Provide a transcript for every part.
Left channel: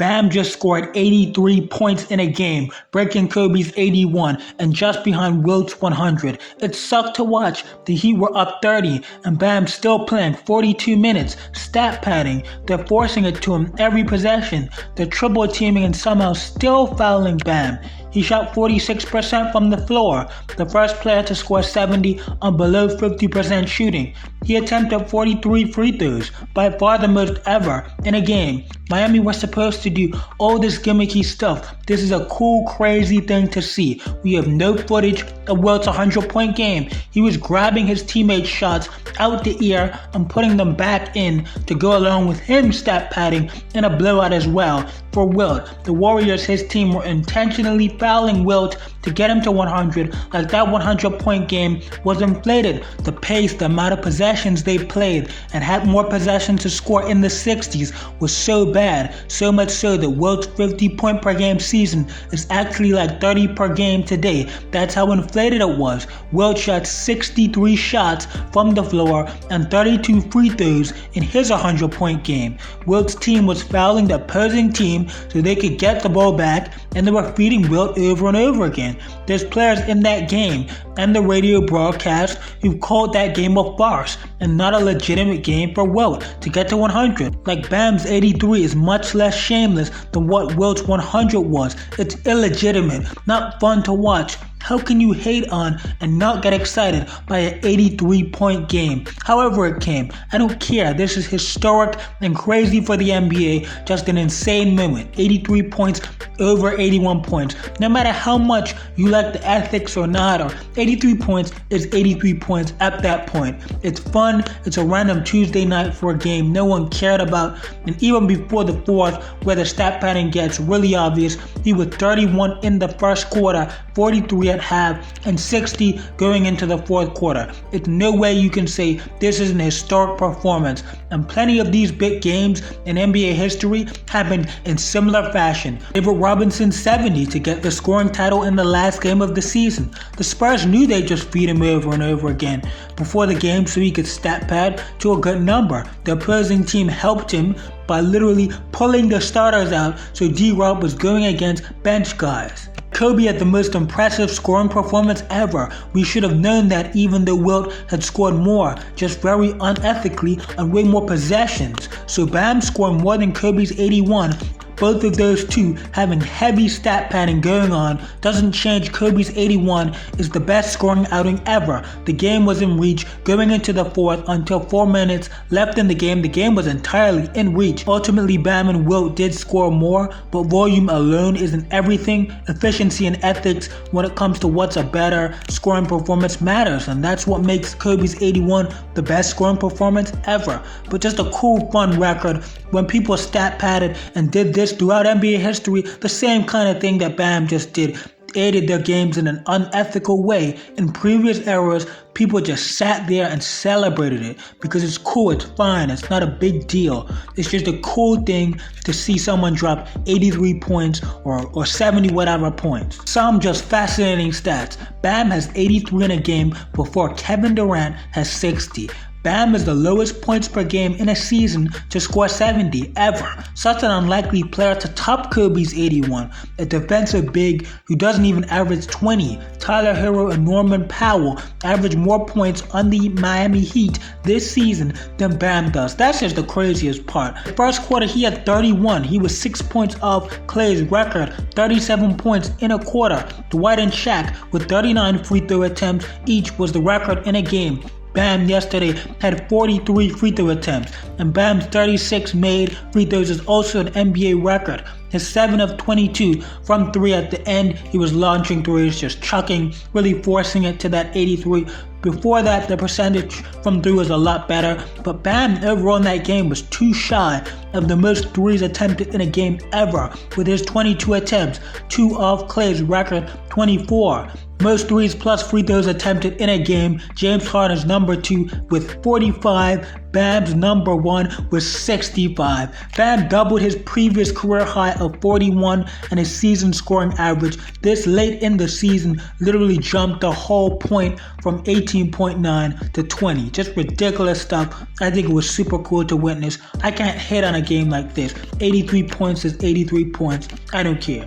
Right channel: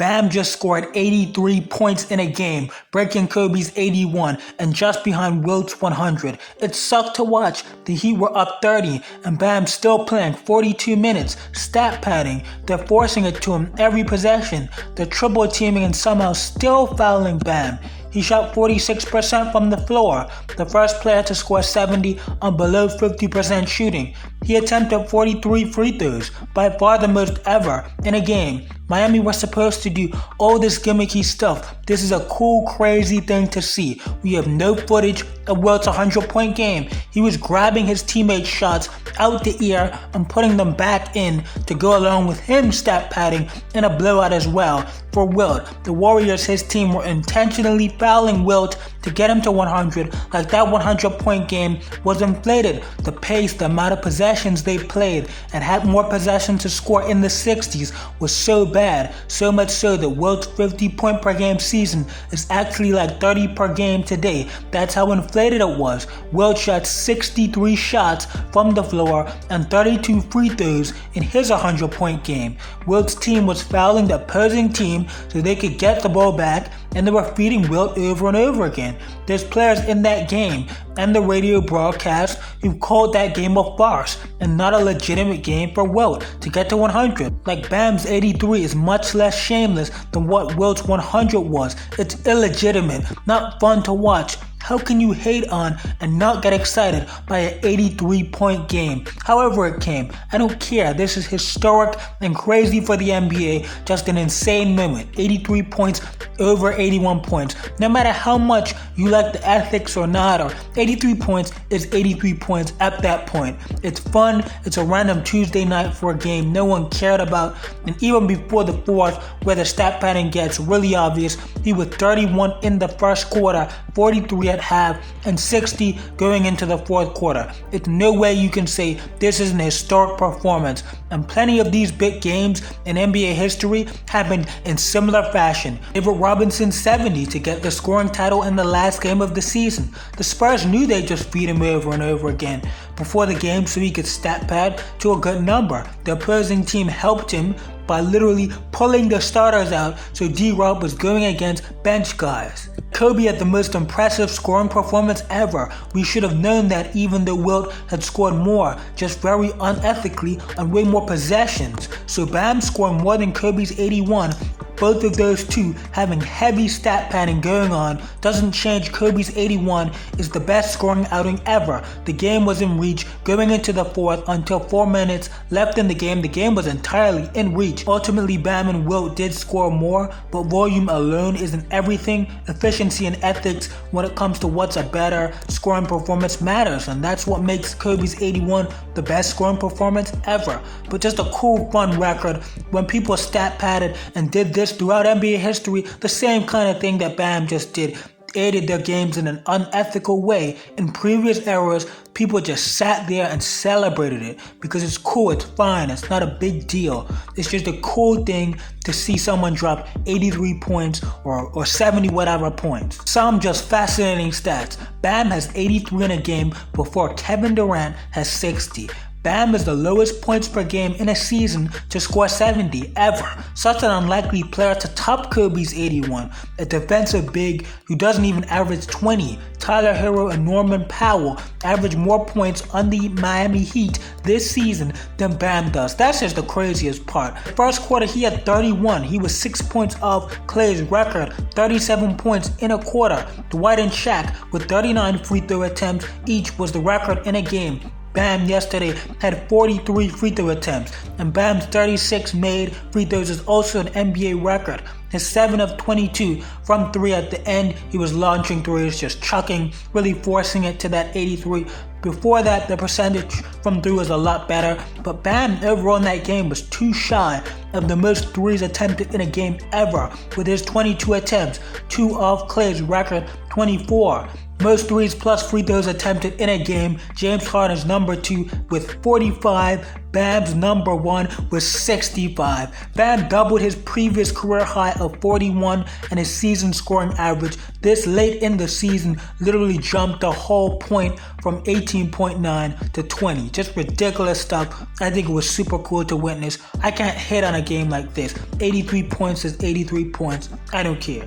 Bam just scored 83 points in a game, breaking Kobe's 81 and just behind Wilt's 100. It sucked to watch. The Heat were up 30 and Bam still playing 42 minutes, stat padding. They're forcing it to him every possession. They're triple teaming and somehow still fouling Bam. He shot 46% from the floor, the first player to score 70 on below 50% shooting. He attempted 43 free throws, by far the most ever in a game. Miami was supposed to do all this gimmicky stuff. This is a cool, crazy thing to see. We have no footage of Wilt's 100-point game. He was grabbing his teammates' shots out the air and putting them back in to go along with him stat padding in a blowout as well. For Wilt, the Warriors, his team, were intentionally fouling Wilt to get him to 100, like that 100-point game was inflated. The pace, the amount of possessions they played, and had more possessions to score in the 60s was so bad, so much so that Wilt's 50-point per game season is actually like 30 per game today. That's how inflated it was. Wilt shot 63 shots from the floor and 32 free throws in his 100-point game. Wilt's team was fouling the opposing team so they could get the ball back, and they were feeding Wilt over and over again. There's players in that game and the radio broadcast who called that game a farce and not a legitimate game for Wilt to get to 100. Like Bam's 83 is much less shameless than what Wilt's 100 was. It's illegitimate, not fun to watch. How can you hate on and not get excited by an 83-point game? However it came, I don't care. This is historic and crazy for the NBA. Just an insane moment. 83 points over 81 points. No matter how much you like the ethics or not, or 83 points is 83 points at that point. It's fun. It's a random Tuesday night for a game no one cared about. And even before the fourth, where the stat pattern gets really obvious, he was 31 in the first quarter, 43 at half, and 60 going into the fourth quarter. It's no way you can say this is an historic performance. And plenty of these big games in NBA history happened in similar fashion. David Robinson's 70 to get the scoring title in the last game of the season. The Spurs knew they'd just feed him over and over again before the game so he could stat pad to a good number. The opposing team helped him by literally pulling the starters out so D-Rob was going against bench guys. Kobe had the most impressive scoring performance ever. We should have known that even though Wilt had scored more, just very unethically on way more possessions. So Bam scored more than Kobe's 81. Both of those two having heavy stat padding going on doesn't change. Kobe's 81 is the best scoring outing ever. The game was in reach going into the fourth until 4 minutes left in the game. The game was entirely in reach. Ultimately, Bam and Wilt did score more, but volume alone isn't everything. Efficiency and ethics when it comes to what's a better scoring performance matters, and that's what makes Kobe's 81 the best scoring performance ever. But just a cool, fun record when people stat padded and did this throughout NBA history, the same kind of thing that Bam just did, aided their games in an unethical way. In previous eras, people just sat there and celebrated it because it's cool, it's fine, it's not a big deal. It's just a cool thing to see someone drop 83 points or 70 whatever points. Some just fascinating stats. Bam has 83 in a game before Kevin Durant has 60. Bam is the lowest points per game in a season to score 70 ever. Such an unlikely player to top Kobe's 81. A defensive big who doesn't even average 20. Tyler Hero and Norman Powell average more points on the Miami Heat this season than Bam does. That's just the craziest part. First quarter he had 31. He was 6 points off Clay's record, 37 points in a quarter. Dwight and Shaq with 39 free throw attempts each was the record in a game. Bam yesterday had 43 free throw attempts, and Bam's 36 made free throws is also an NBA record. His 7 of 22 from 3 at the end, he was launching threes, just chucking, really forcing it to that 83. Before that, the percentage from 3 was a lot better, but Bam overall in that game was too shy of the most threes attempted in a game ever with his 22 attempts, 2 off Clay's record 24. Most threes plus free throws attempted in a game, James Harden's number 2 with 45, Bam's number 1 with 65. Bam doubled his previous career high of 41 and his season scoring average this late in the season literally jumped a whole point from 18.9 to 20. Just ridiculous stuff. I think it was super cool to witness. I can't hit on a game like this. 83 points is 83 points. I don't care.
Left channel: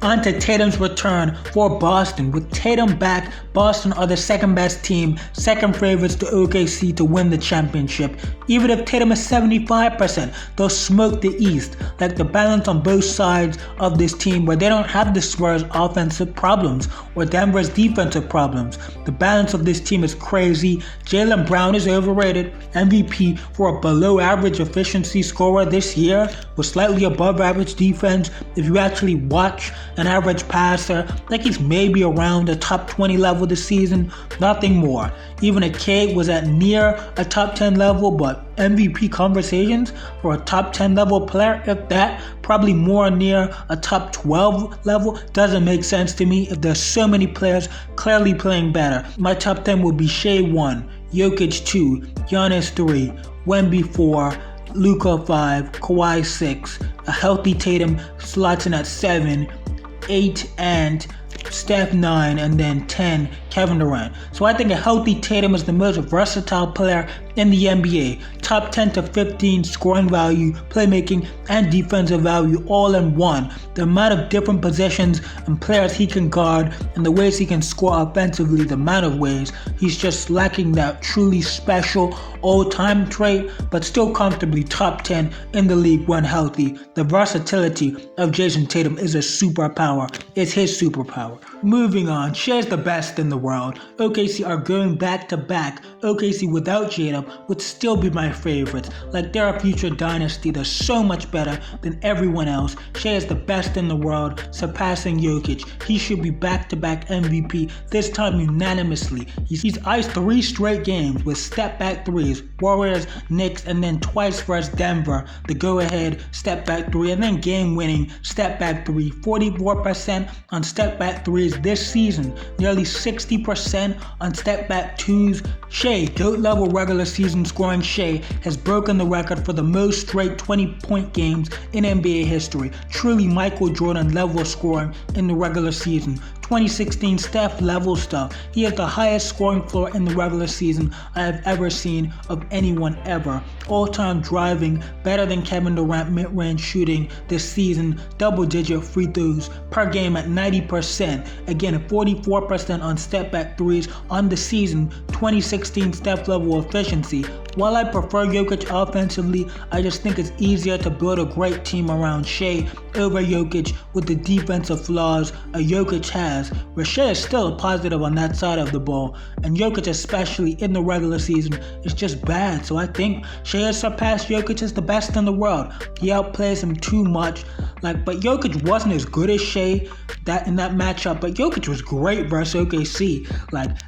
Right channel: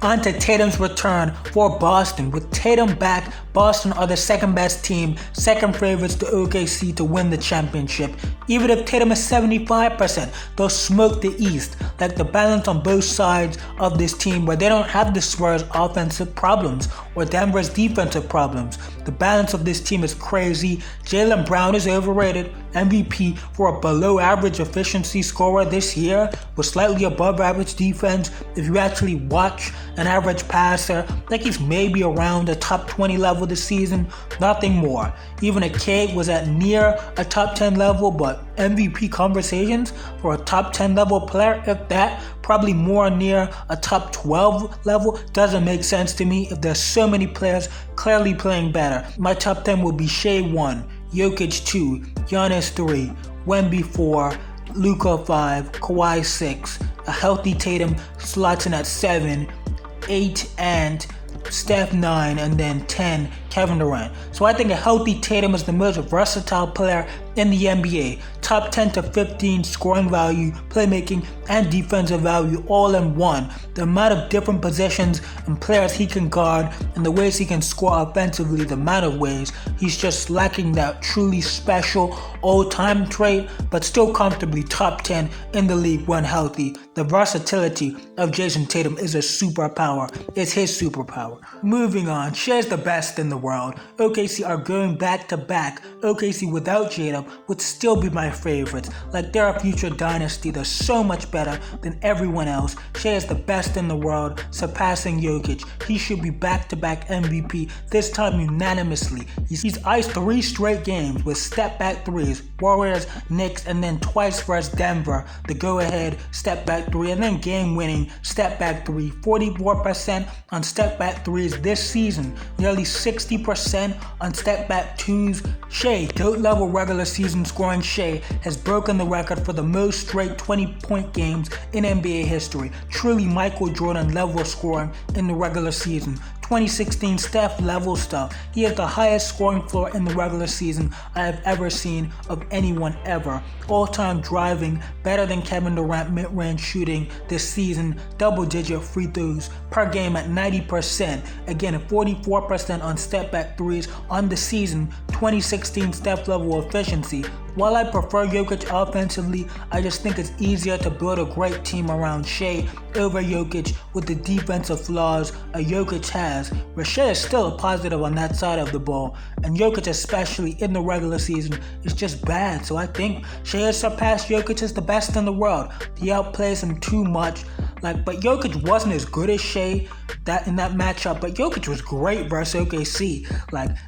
On to Tatum's return for Boston. With Tatum back, Boston are the second best team, second favorites to OKC to win the championship. Even if Tatum is 75%, they'll smoke the East. Like the balance on both sides of this team where they don't have the Spurs' offensive problems or Denver's defensive problems. The balance of this team is crazy. Jaylen Brown is overrated. MVP for a below average efficiency scorer this year with slightly above average defense. If you actually watch an average passer, like he's maybe around the top 20 level this season, nothing more. Even a K was at near a top 10 level, but MVP conversations for a top 10 level player, if that, probably more near a top 12 level, doesn't make sense to me if there's so many players clearly playing better. My top 10 would be Shai 1, Jokic 2, Giannis 3, Wemby 4, Luka 5, Kawhi 6, a healthy Tatum slots in at 7, 8, and Steph 9, and then 10, Kevin Durant. So I think a healthy Tatum is the most versatile player in the NBA. Top 10 to 15 scoring value, playmaking, and defensive value all in one. The amount of different positions and players he can guard and the ways he can score offensively, the amount of ways he's just lacking that truly special all-time trait, but still comfortably top 10 in the league when healthy. The versatility of Jason Tatum is a superpower. It's his superpower. Moving on, Shai's the best in the world. OKC are going back to back. OKC without Jada would still be my favorites. Like they're a future dynasty that's so much better than everyone else. Shai is the best in the world, surpassing Jokic. He should be back-to-back MVP, this time unanimously. He's iced 3 straight games with step-back threes, Warriors, Knicks, and then twice versus Denver, the go-ahead step-back 3, and then game-winning step-back 3. 44% on step-back 3s this season, nearly 60% on step-back 2s. Shai, GOAT-level regular season scoring Shai, has broken the record for the most straight 20-point games in NBA history. Truly Michael Jordan level scoring in the regular season. 2016 Steph level stuff. He has the highest scoring floor in the regular season I have ever seen of anyone ever. All-time driving, better than Kevin Durant mid-range shooting this season. Double-digit free throws per game at 90%. Again, 44% on step-back threes on the season. 2016 Steph level efficiency. While I prefer Jokic offensively, I just think it's easier to build a great team around Shai over Jokic with the defensive flaws a Jokic has, where Shai is still a positive on that side of the ball, and Jokic, especially in the regular season, is just bad. So I think Shai has surpassed Jokic as the best in the world. He outplays him too much, but Jokic wasn't as good as Shai in that matchup, but Jokic was great versus OKC,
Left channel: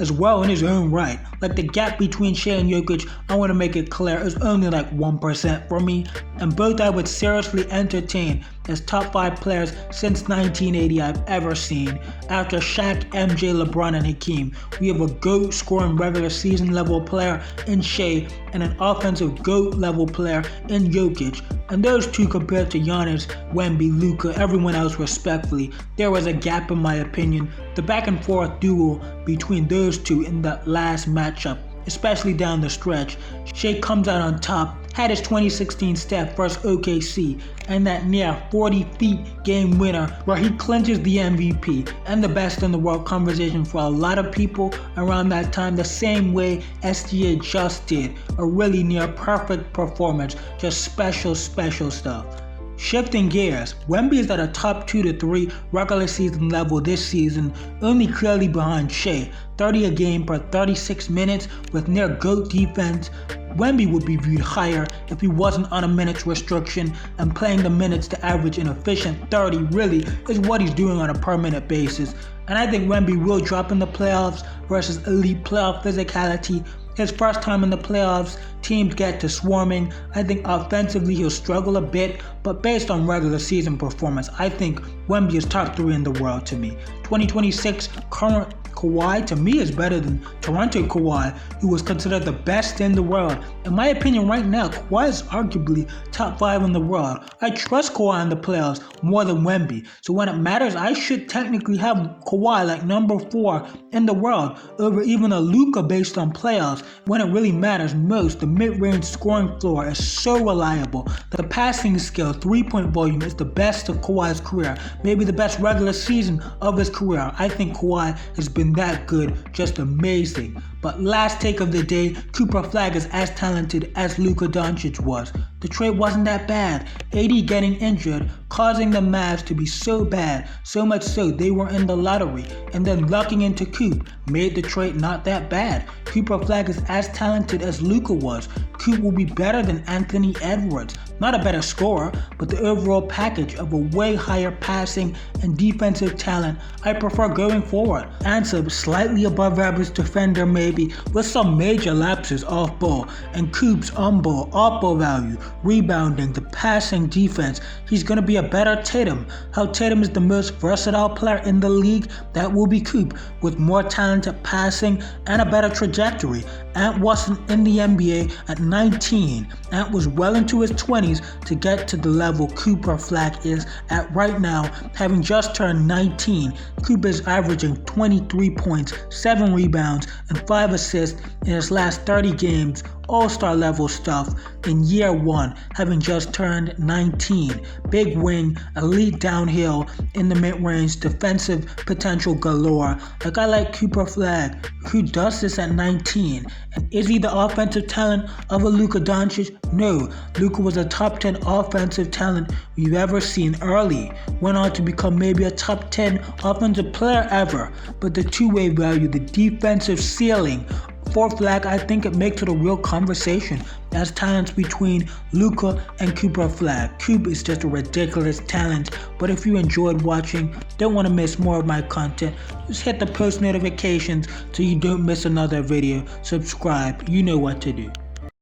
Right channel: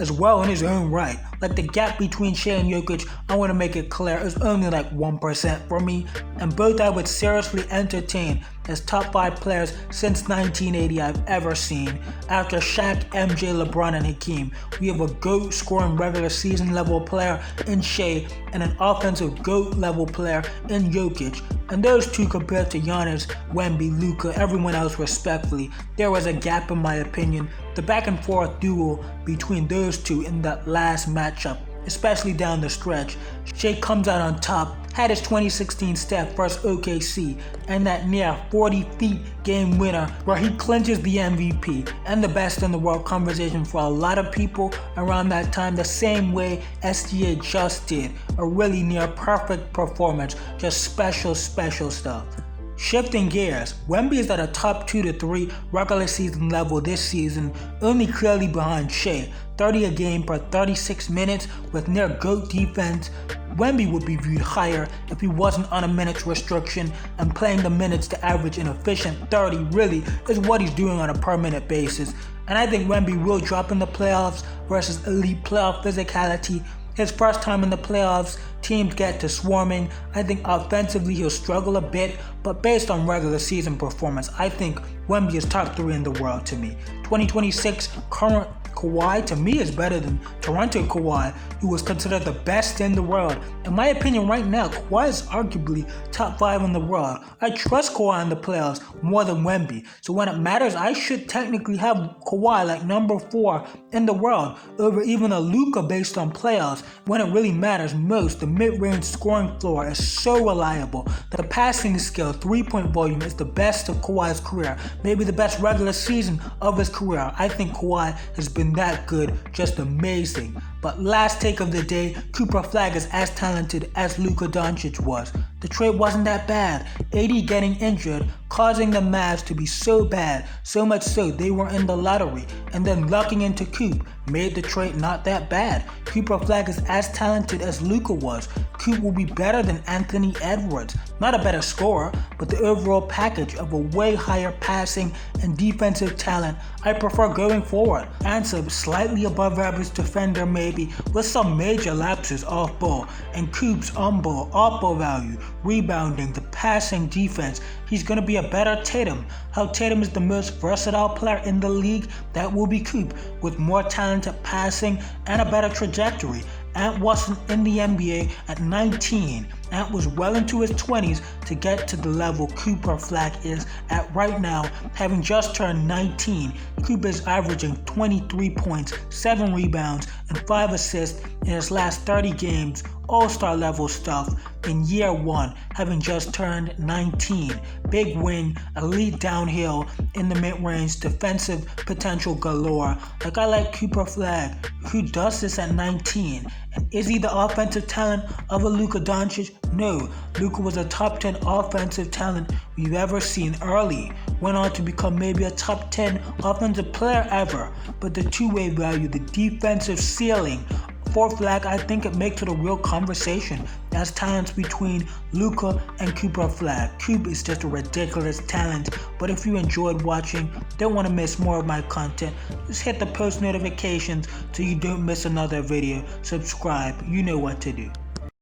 as well in his own right. The gap between Shai and Jokic, I want to make it clear, is only 1% for me, and both I would seriously entertain as top 5 players since 1980 I've ever seen. After Shaq, MJ, LeBron, and Hakeem, we have a GOAT scoring regular season level player in Shai and an offensive GOAT level player in Jokic. And those two compared to Giannis, Wemby, Luka, everyone else respectfully, there was a gap in my opinion. The back and forth duel between those two in that last matchup, especially down the stretch. Shai comes out on top, had his 2016 Steph versus OKC, and that near 40 feet game winner where he clinches the MVP and the best in the world conversation for a lot of people around that time, the same way SGA just did. A really near perfect performance, just special stuff. Shifting gears, Wemby is at a top 2 to 3 regular season level this season, only clearly behind Shai. 30 a game per 36 minutes with near GOAT defense. Wemby would be viewed higher if he wasn't on a minutes restriction, and playing the minutes to average an efficient 30 really is what he's doing on a per minute basis. And I think Wemby will drop in the playoffs versus elite playoff physicality. His first time in the playoffs, teams get to swarming. I think offensively he'll struggle a bit, but based on regular season performance, I think Wemby is top 3 in the world to me. 2026 current Kawhi, to me, is better than Toronto Kawhi, who was considered the best in the world. In my opinion, right now, Kawhi is arguably top 5 in the world. I trust Kawhi in the playoffs more than Wemby. So when it matters, I should technically have Kawhi like number 4 in the world over even a Luka based on playoffs. When it really matters most, the mid-range scoring floor is so reliable. The passing skill, 3-point volume is the best of Kawhi's career, maybe the best regular season of his career. I think Kawhi has been that good, just amazing. But last take of the day, Cooper Flagg is as talented as Luka Doncic was. The trade wasn't that bad. AD getting injured, causing the Mavs to be so bad, so much so they were in the lottery, and then lucking into Coop made the trade not that bad. Cooper Flagg is as talented as Luka was. Coop will be better than Anthony Edwards. Not a better scorer, but the overall package of a way higher passing and defensive talent I prefer going forward. Answer slightly above average defender maybe, with some major lapses off ball, and Coop's on ball, off ball value, rebounding, the passing defense. He's going to be a better Tatum. How Tatum is the most versatile player in the league, that will be Coop, with more talented passing and a better trajectory. Ant wasn't in the NBA at 19. Ant was well into his 20s to get to the level Cooper Flagg is at right now, having just turned 19. Cooper is averaging 23 points, 7 rebounds, and 5 assists in his last 30 games, all-star level stuff in year 1, having just turned 19. Big wing, elite downhill, in the mid-range, defensive potential galore. Like I like Cooper Flagg, who does this at 19. And is he the offensive talent of a Luka Doncic? No, Luka was a top 10 offensive talent we've ever seen early. Went on to become maybe a top 10 offensive player ever. But the two-way value, the defensive ceiling, for Flagg, I think it makes it a real conversation as talents between Luka and Cooper Flagg. Coop is just a ridiculous talent, but if you enjoyed watching, don't want to miss more of my content, just hit the post notifications so you don't miss another video. Subscribe, you know what to do.